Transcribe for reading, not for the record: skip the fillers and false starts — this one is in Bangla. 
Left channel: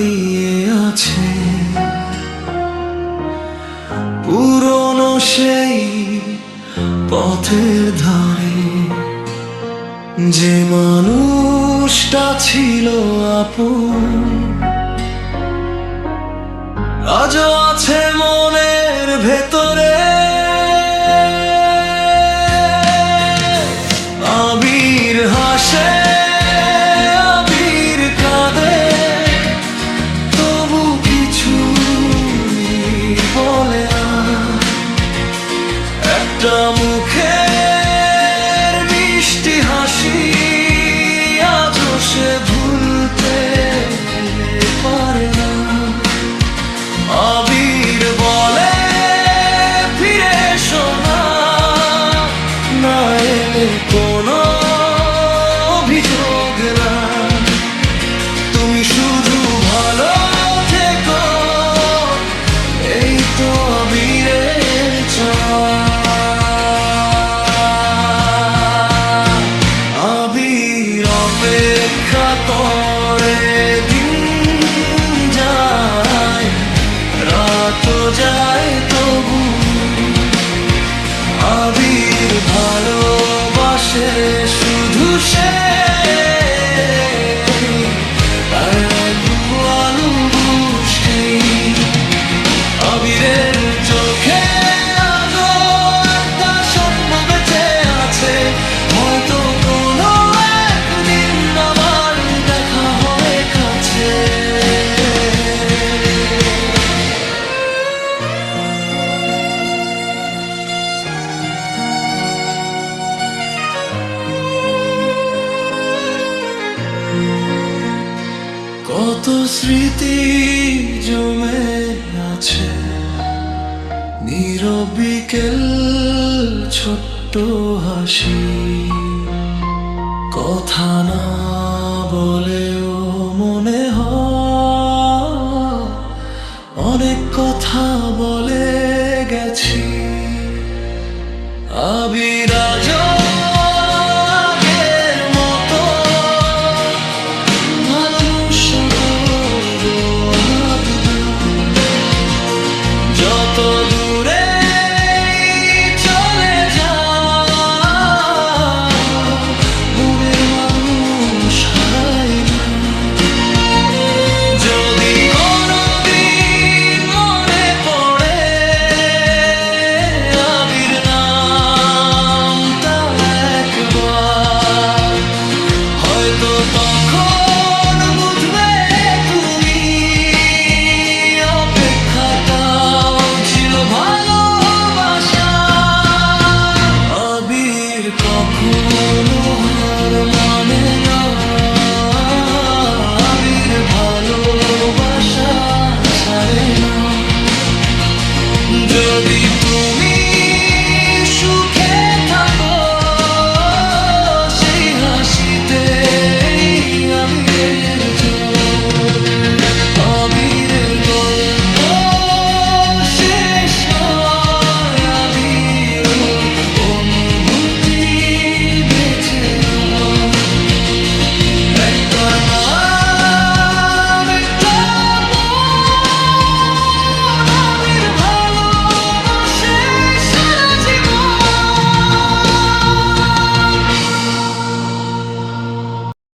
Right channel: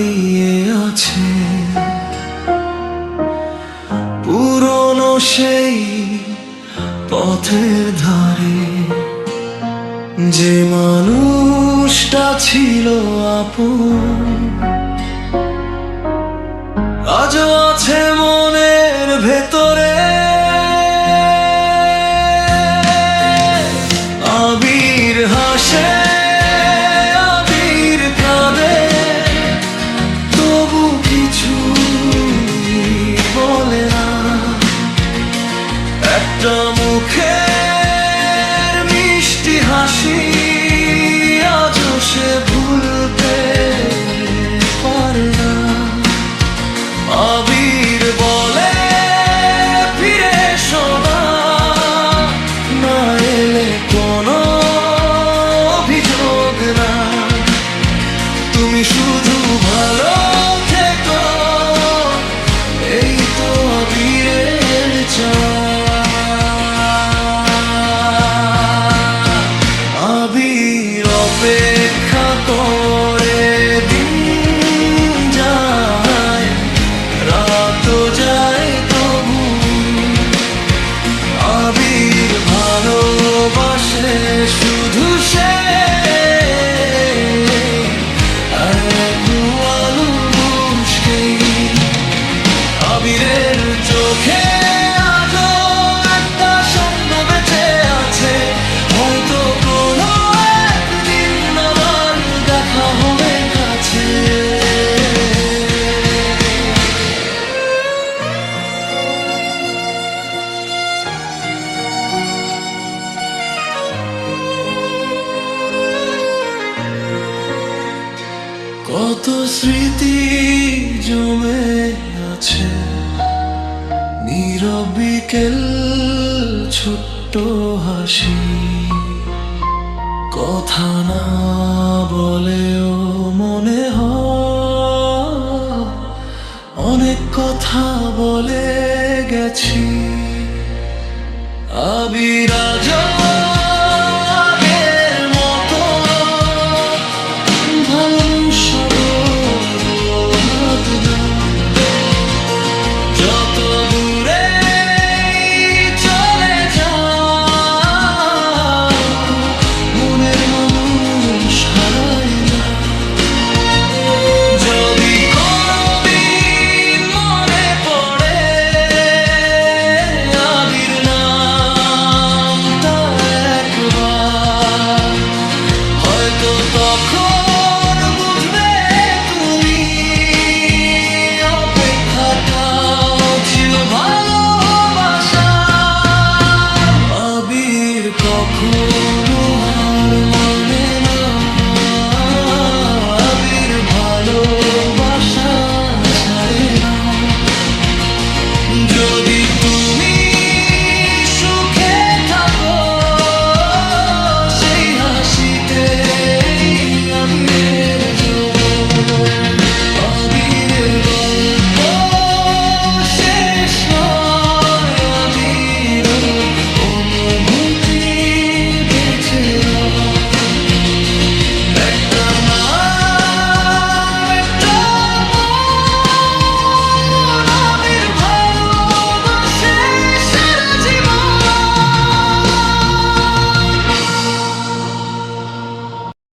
দাঁড়িয়ে আছে পুরনো সেই পথের ধারে, যে মানুষটা ছিল আপন আজও আছে মনের ভেতরে। আবির হাসে, আবির কাঁদে, তবু কিছু বলে না। একটা মুখের মিষ্টি হাসি আজও সে ভুলতে পারে না। আবির বলে ফিরে এসো না, না এলে কোনো অভিযোগ না, তুমি শুধু ভালো থেকো, এই তো আবিরের চাওয়া। আবির অপেক্ষা করে, দিন যায় রাত যায় তবু, আবির ভালোবাসে শুধু সে আলু বুঝকেই। আবিরের চোখে আজও একটা স্বপ্ন বেঁচে আছে, হয়তো কোনো একদিন আবার দেখা হবে কাছে। কত স্মৃতি জমে আছে, নীরব বিকেল, ছোট্ট হাসি, কথা না বলেও মনে হয় অনেক কথা বলে গেছি। আবির আজও আগের মতো ভালো সাগর নদ না, যত দূরে চলে যাও মনের মানুষ হারাই না। যদি কোনোদিন মনে পড়ে আবির নামটা একবার, হয়তো তখন বুঝবে তুমি অপেক্ষাটাও ছিল ভালোবাসা। আবির কখন